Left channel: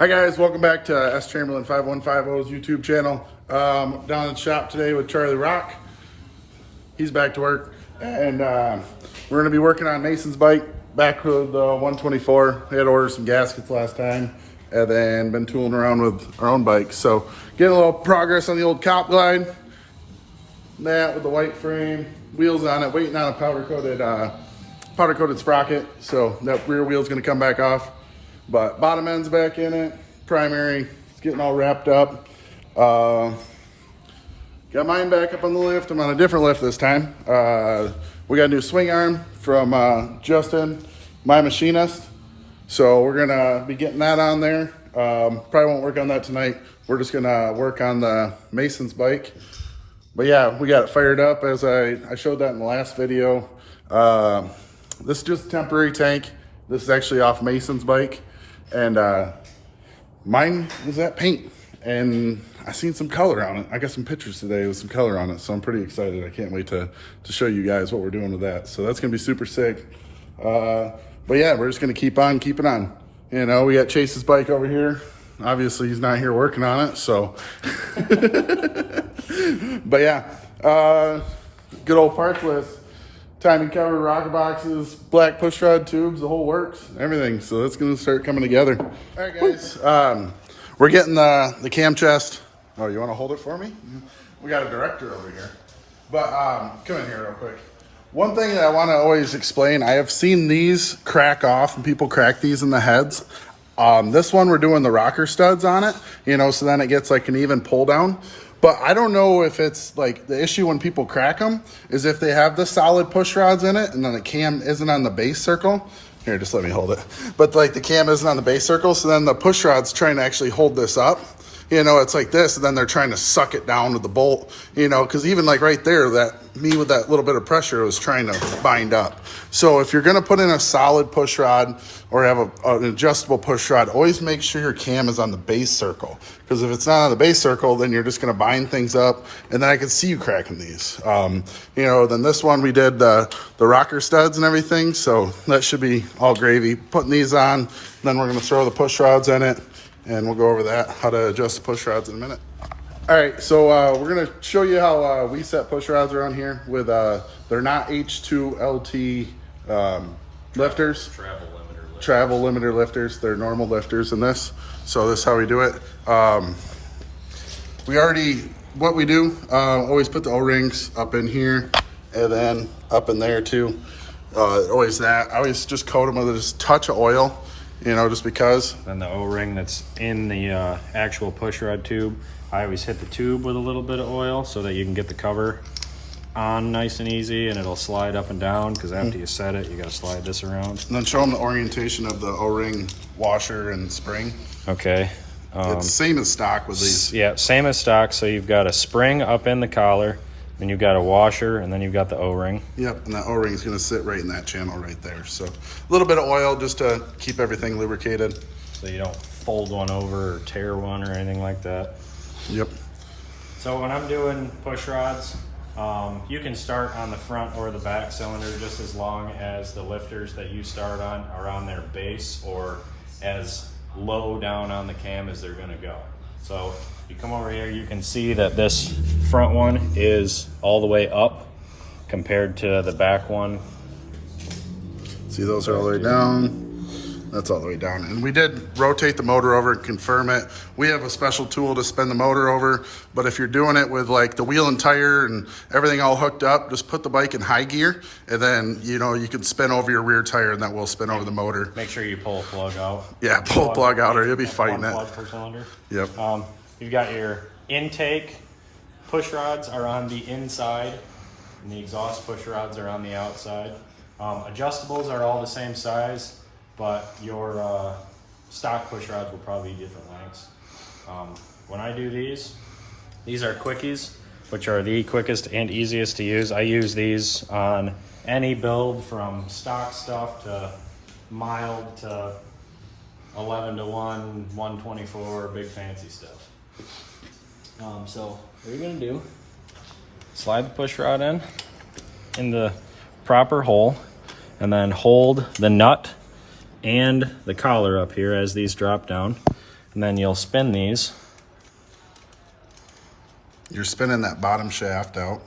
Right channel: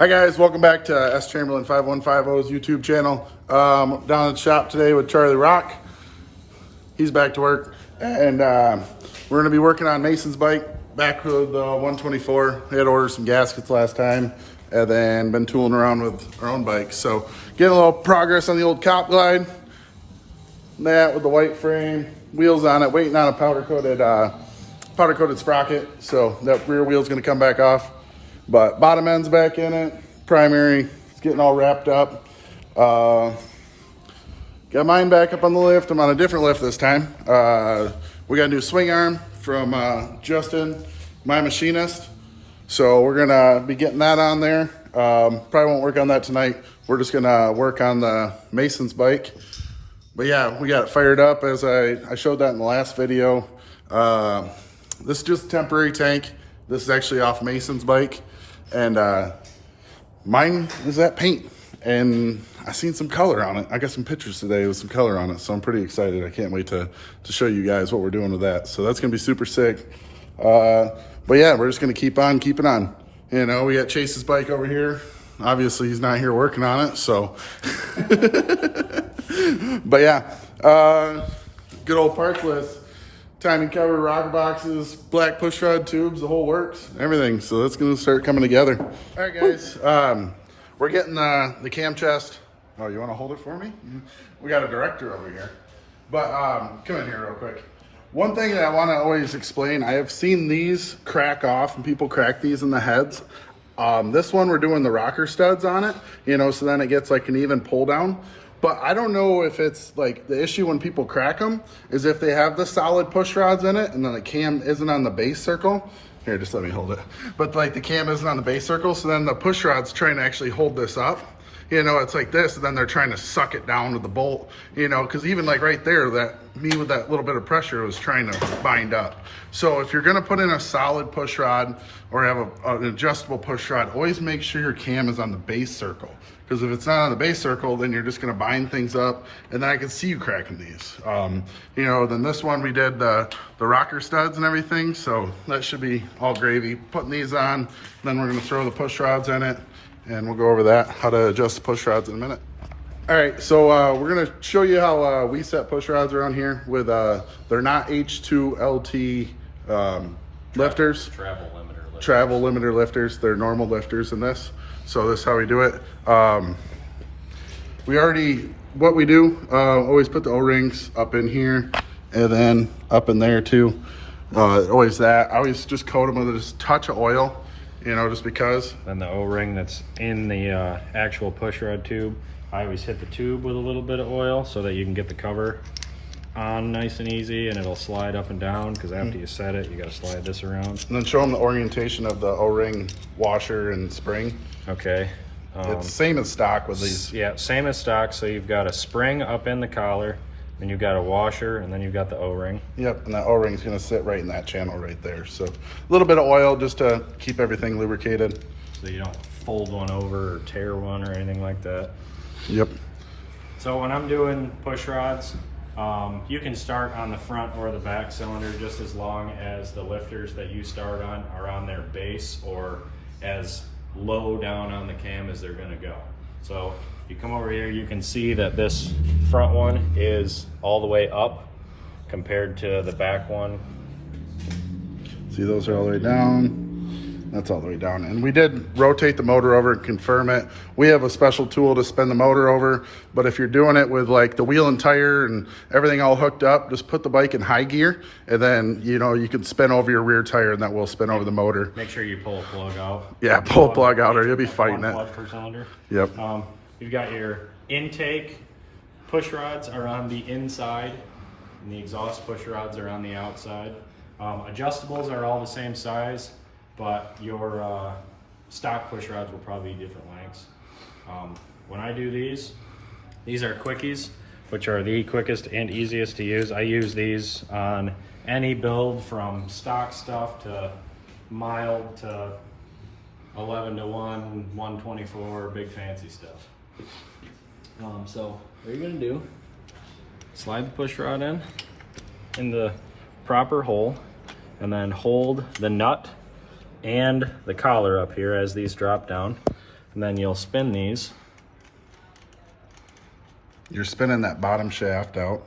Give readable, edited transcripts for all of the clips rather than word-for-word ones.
Hi guys, welcome back to S Chamberlain 5150's YouTube channel. Down at the shop today with Charlie Rock. He's back to work, and we're going to be working on Mason's bike. Back with the 124. We had ordered some gaskets last time, and then been tooling around with our own bikes. So getting a little progress on the old Cop Glide. That with the white frame, wheels on it, waiting on a powder coated sprocket. So that rear wheel's going to come back off. But bottom end's back in it, primary, it's getting all wrapped up. Got mine back up on the lift. I'm on a different lift this time. We got a new swing arm from Justin, my machinist. So we're gonna be getting that on there. Probably won't work on that tonight. We're just gonna work on the Mason's bike. But yeah, we got it fired up as I showed that in the last video. This is just a temporary tank. This is actually off Mason's bike. And mine was that paint, and I seen some color on it. I got some pictures today with some color on it, so I'm pretty excited. I can't wait to show you guys what we're doing with that. So that's gonna be super sick. But yeah, we're just gonna keep on keeping on. You know, we got Chase's bike over here. Obviously he's not here working on it, so. But yeah, good old parts list. Timing cover, rocker boxes, black pushrod tubes, the whole works, everything. So that's gonna start coming together. All right, guys, we're getting the cam chest. Oh, you wanna hold it for me? We got a director over here. But come in here real quick. One thing that I wanna always explain, I have seen these crack off and people crack these in the heads. This one, we're doing the rocker studs on it, you know, so then it gets like an even pull down. But I don't know if it's like the issue when people crack them is if they have the solid push rods in it and then the cam isn't on the base circle. Here, just let me hold it. But like the cam isn't on the base circle, so then the push rod's trying to actually hold this up. You know, it's like this, and then they're trying to suck it down with the bolt, you know, because even like right there, me with that little bit of pressure was trying to bind up. So if you're gonna put in a solid push rod or have an adjustable push rod, always make sure your cam is on the base circle. Because if it's not on the base circle, then you're just gonna bind things up, and then I can see you cracking these. You know, then this one we did the rocker studs and everything, so that should be all gravy. Putting these on, then we're gonna throw the push rods in it, and we'll go over that, how to adjust the push rods in a minute. All right, so we're gonna show you how we set push rods around here with, they're not H2LT lifters. Travel limiter lifters. They're normal lifters in this. So this is how we do it. What we do, always put the O-rings up in here and then up in there too. Always that. I always just coat them with just a touch of oil, you know, just because. Then the O-ring that's in the actual push rod tube, I always hit the tube with a little bit of oil so that you can get the cover on nice and easy, and it'll slide up and down, because after you set it, you got to slide this around. And then show them the orientation of the O-ring washer and spring. Okay. It's same as stock with these. Yeah, same as stock. So you've got a spring up in the collar, then you've got a washer, and then you've got the O-ring. Yep, and that O-ring is going to sit right in that channel right there. So a little bit of oil just to keep everything lubricated. So you don't fold one over or tear one or anything like that. Yep. So when I'm doing push rods, you can start on the front or the back cylinder just as long as the lifters that you start on are on their base or as low down on the cam as they're gonna go. So if you come over here, you can see that this front one is all the way up compared to the back one. See, those are all the way down. That's all the way down. And we did rotate the motor over and confirm it. We have a special tool to spin the motor over, but if you're doing it with like the wheel and tire and everything all hooked up, just put the bike in high gear, and then, you know, you can spin over your rear tire and that will spin over the motor. Make sure you pull a plug out. Yeah, pull a plug out or you'll be fighting it. Plug per cylinder. Yep. You've got your intake push rods are on the inside, and the exhaust push rods are on the outside. Adjustables are all the same size, but your stock push rods will probably be different lengths. When I do these are quickies, which are the quickest and easiest to use. I use these on any build from stock stuff to mild to 11 to 1, 124, big fancy stuff. So what you're gonna do, slide the push rod in the proper hole, and then hold the nut and the collar up here as these drop down. and then you'll spin these. You're spinning that bottom shaft out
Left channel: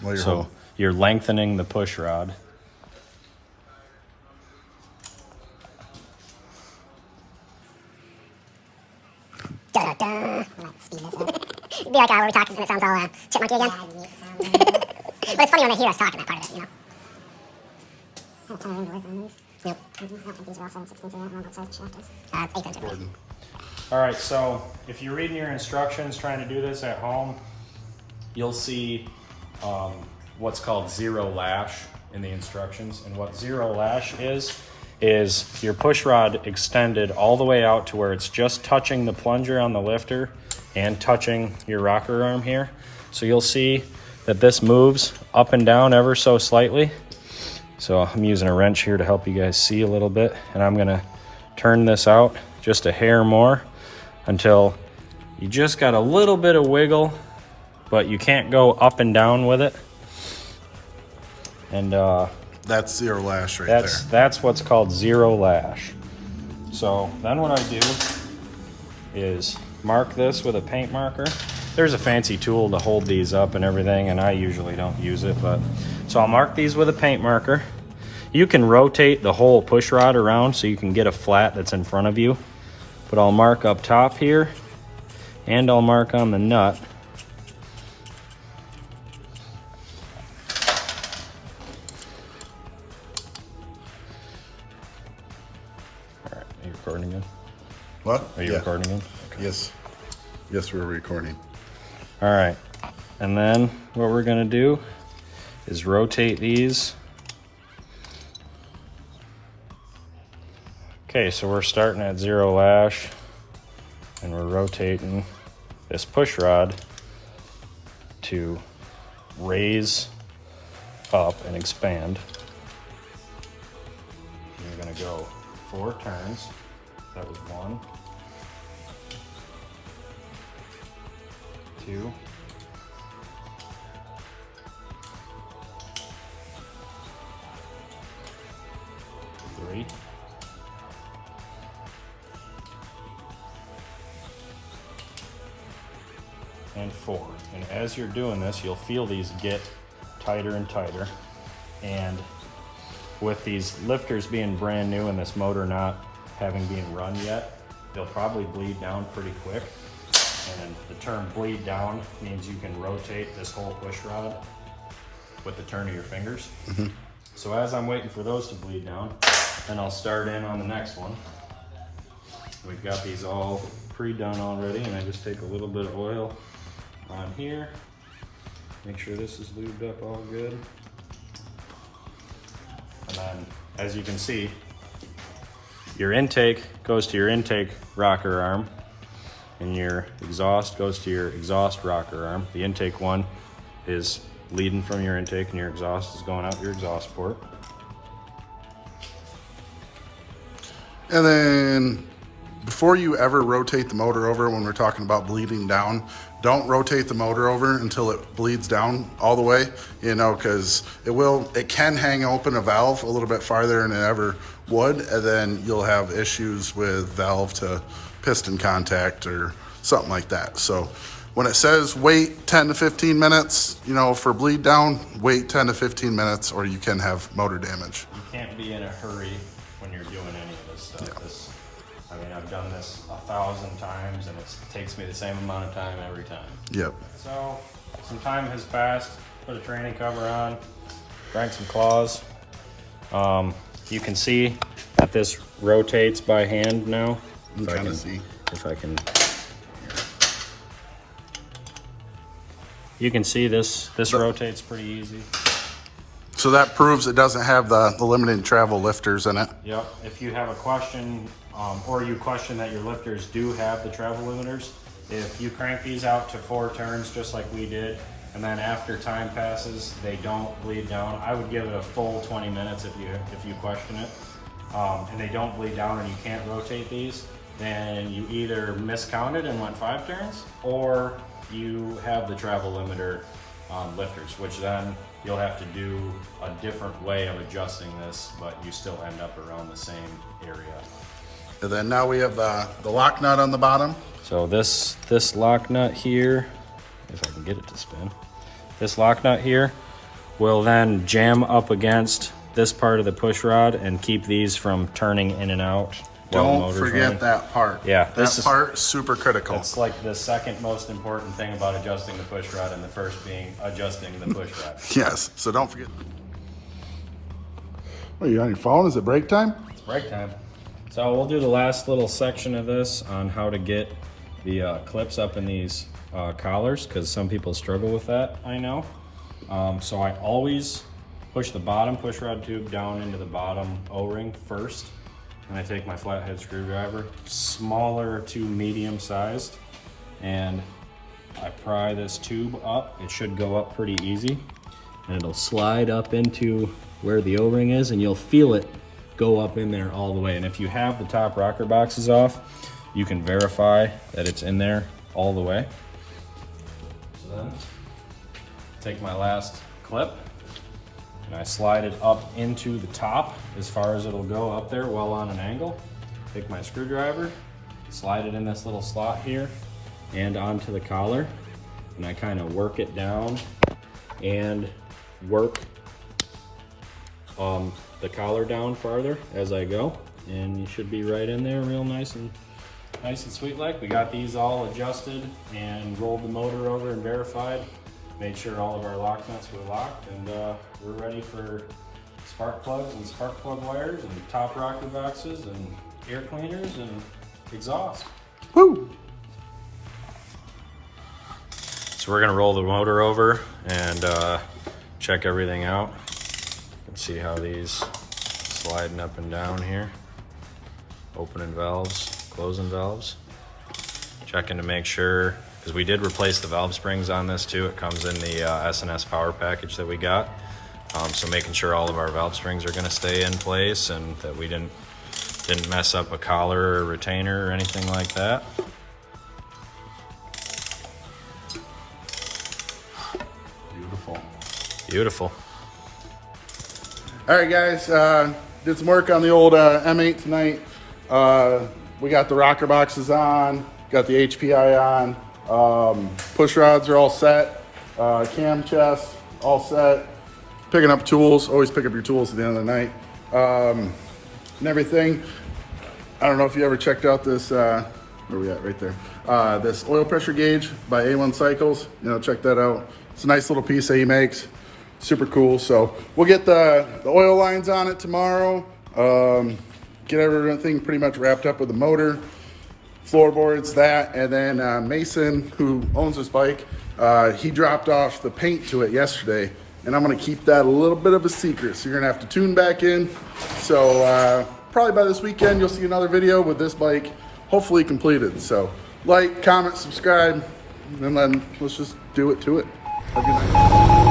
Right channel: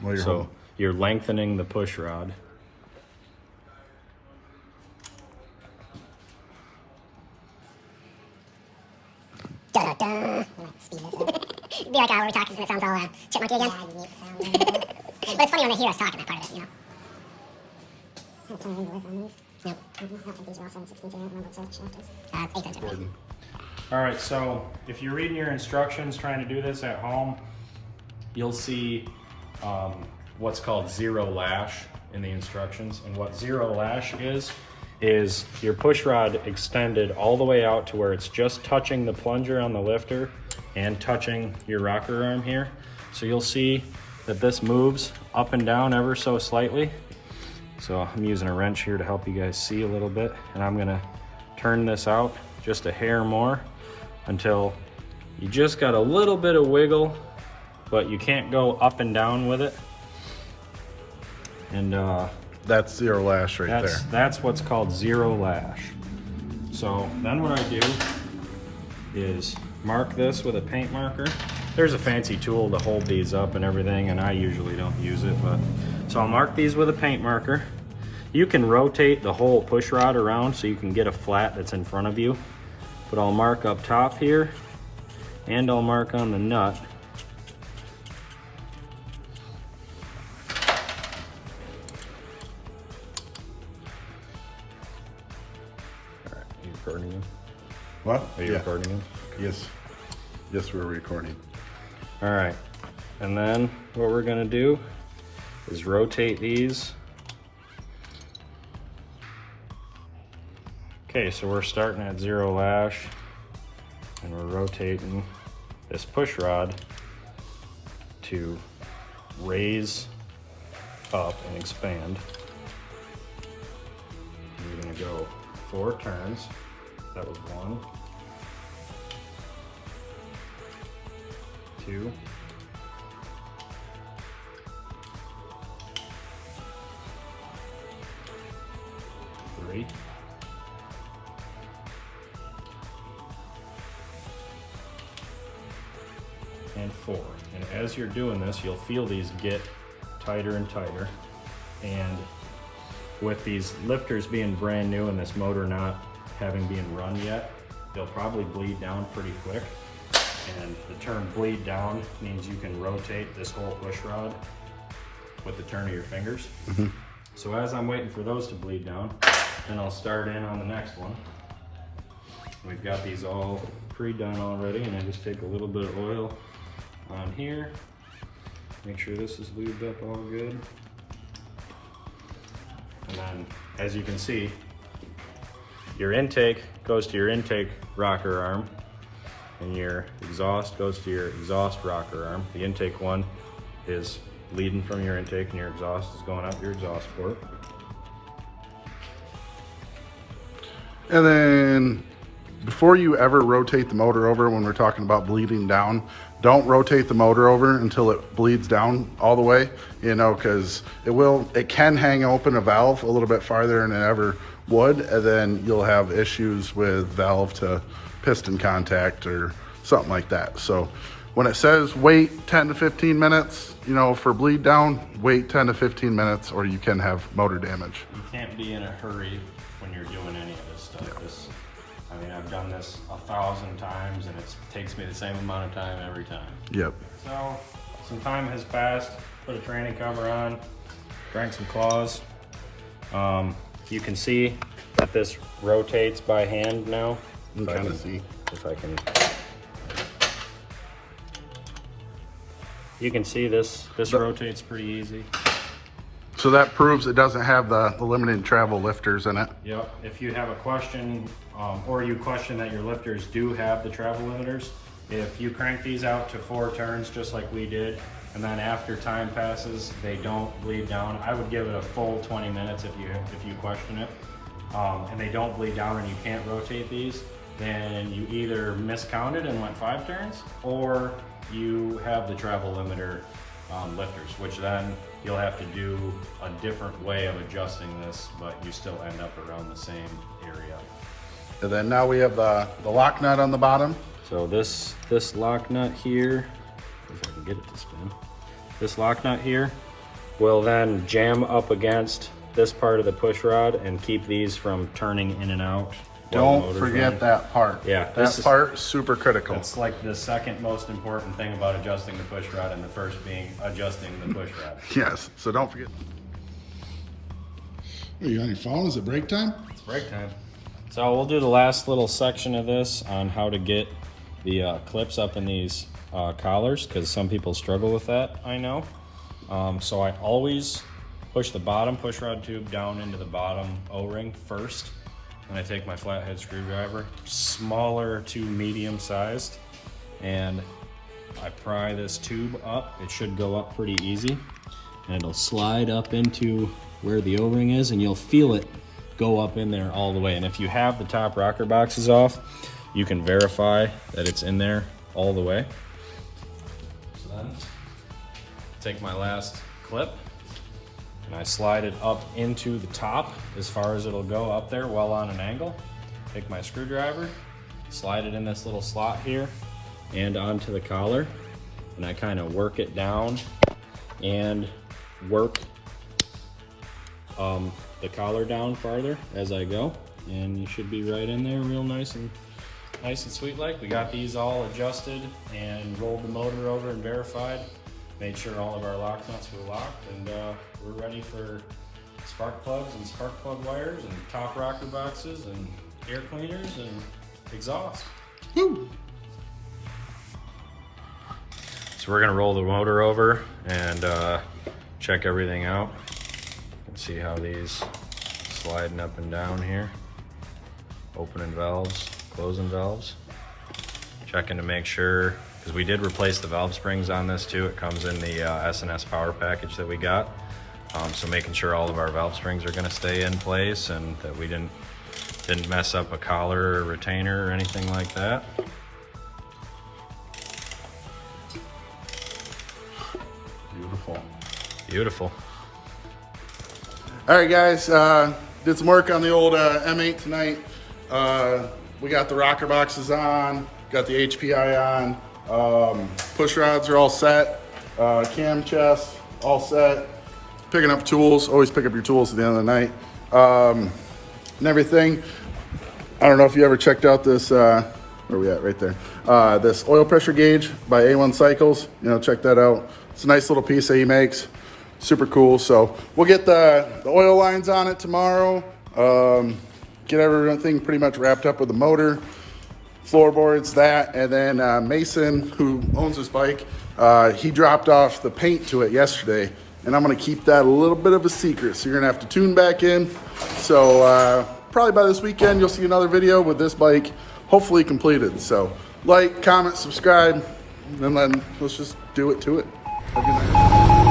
while you're holding. So you're lengthening the push rod. Da-da-da. Be like, when we're talking, and it sounds all chipmunky again. But it's funny when they hear us talking, that part of it, you know. Yep. These are also 16 8 inches. Gordon. All right, so if you're reading your instructions trying to do this at home, you'll see what's called zero lash in the instructions. And what zero lash is your push rod extended all the way out to where it's just touching the plunger on the lifter and touching your rocker arm here. So you'll see that this moves up and down ever so slightly. So I'm using a wrench here to help you guys see a little bit, and I'm gonna turn this out just a hair more until you just got a little bit of wiggle, but you can't go up and down with it. And That's zero lash right there. that's what's called zero lash. So then what I do is mark this with a paint marker. There's a fancy tool to hold these up and everything, and I usually don't use it, but so I'll mark these with a paint marker. You can rotate the whole push rod around so you can get a flat that's in front of you, but I'll mark up top here, and I'll mark on the nut. All right, are you recording me? What? Are you recording me? Yes. Yes, we're recording. All right, and then what we're gonna do is rotate these. Okay, so we're starting at zero lash, and we're rotating this push rod to raise up and expand. And we're gonna go 4 turns. That was 1, 2, 3, and 4. And as you're doing this, you'll feel these get tighter and tighter. And with these lifters being brand new and this motor not having been run yet, they'll probably bleed down pretty quick. And the term bleed down means you can rotate this whole push rod with the turn of your fingers. So as I'm waiting for those to bleed down, then I'll start in on the next one. We've got these all pre-done already, and I just take a little bit of oil on here. Make sure this is lubed up all good. And then, as you can see, your intake goes to your intake rocker arm, and your exhaust goes to your exhaust rocker arm. The intake one is leading from your intake, and your exhaust is going out your exhaust port. And then before you ever rotate the motor over, when we're talking about bleeding down, don't rotate the motor over until it bleeds down all the way, you know, because it can hang open a valve a little bit farther than it ever would, and then you'll have issues with valve to piston contact or something like that. So when it says wait 10 to 15 minutes, you know, for bleed down, wait 10 to 15 minutes or you can have motor damage. You can't be in a hurry when you're doing any of this stuff. Yeah. I mean, I've done this 1,000 times, and it takes me the same amount of time every time. Yep. So some time has passed, put a training cover on, drank some claws. You can see that this rotates by hand now. I'm trying to see. If I can. You can see this rotates pretty easy. So that proves it doesn't have the limited travel lifters in it. Yep. If you have a question, or you question that your lifters do have the travel limiters, if you crank these out to 4 turns just like we did, and then after time passes they don't bleed down, I would give it a full 20 minutes if you question it, and they don't bleed down and you can't rotate these, then you either miscounted and went 5 turns, or you have the travel limiter lifters, which then you'll have to do a different way of adjusting this, but you still end up around the same area. And then now we have the lock nut on the bottom. So this lock nut here, if I can get it to spin, this lock nut here will then jam up against this part of the push rod and keep these from turning in and out. Don't forget that part. Yeah, that part is super critical. It's like the second most important thing about adjusting the push rod, and the first being adjusting the push rod. Yes, so don't forget. Are you on your phone? Is it break time? It's break time. So we'll do the last little section of this on how to get the clips up in these collars, because some people struggle with that, I know. So I always push the bottom push rod tube down into the bottom O-ring first. And I take my flathead screwdriver, smaller to medium sized, and I pry this tube up. It should go up pretty easy, and it'll slide up into where the O-ring is, and you'll feel it go up in there all the way. And if you have the top rocker boxes off, you can verify that it's in there all the way. So then, take my last clip, and I slide it up into the top as far as it'll go up there while on an angle. Take my screwdriver, slide it in this little slot here and onto the collar, and I kind of work it down and work the collar down farther as I go, and you should be right in there real nice and sweet like. We got these all adjusted and rolled the motor over and verified. Made sure all of our lock nuts were locked, and we're ready for spark plugs and spark plug wires and top rocker boxes and air cleaners and exhaust. Woo! So we're gonna roll the motor over and check everything out and see how these sliding up and down here. Opening valves, closing valves. Checking to make sure, because we did replace the valve springs on this too. It comes in the S&S power package that we got. So making sure all of our valve springs are gonna stay in place and that we didn't mess up a collar or retainer or anything like that. Beautiful. Beautiful. All right, guys, did some work on the old M8 tonight. We got the rocker boxes on, got the HPI on, push rods are all set, cam chest all set, picking up tools, always pick up your tools at the end of the night, and everything. I don't know if you ever checked out this, where are we at, right there, this oil pressure gauge by A1 Cycles, check that out. It's a nice little piece that he makes, super cool. So we'll get the oil lines on it tomorrow, get everything pretty much wrapped up with the motor, floorboards, that, and then Mason, who owns this bike, he dropped off the paint to it yesterday, and I'm gonna keep that a little bit of a secret, so you're gonna have to tune back in. So probably by this weekend, you'll see another video with this bike hopefully completed. So like, comment, subscribe, and then let's just do it to it. Have a good night.